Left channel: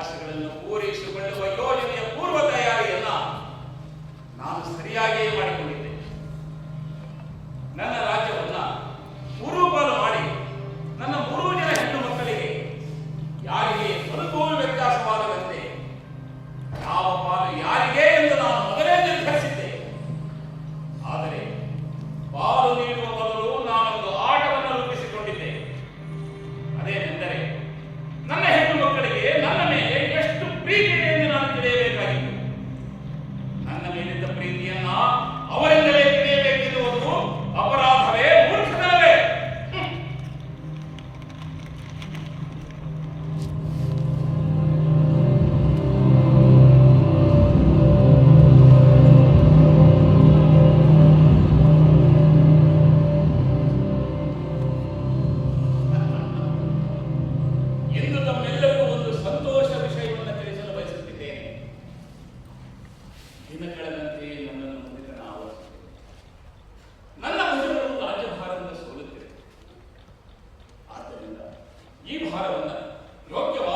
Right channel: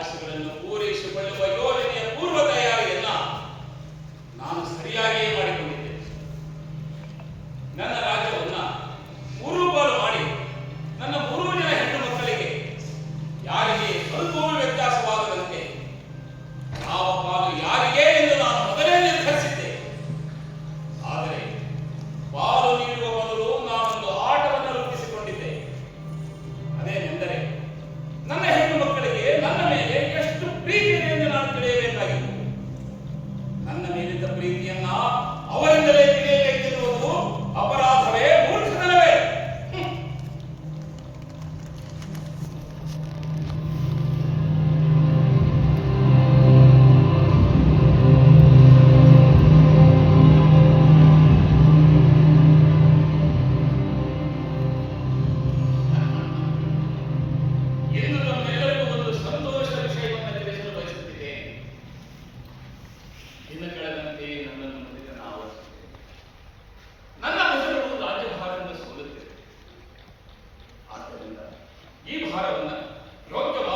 ಭಾಷೆಗಳನ್ನು ಪೂರೈಸಿಕೊಳ್ಳುವ ಯೋಜನೆ ಈ ಭಾರವನ್ನು ಯೋಗ್ಯವಾಗಿ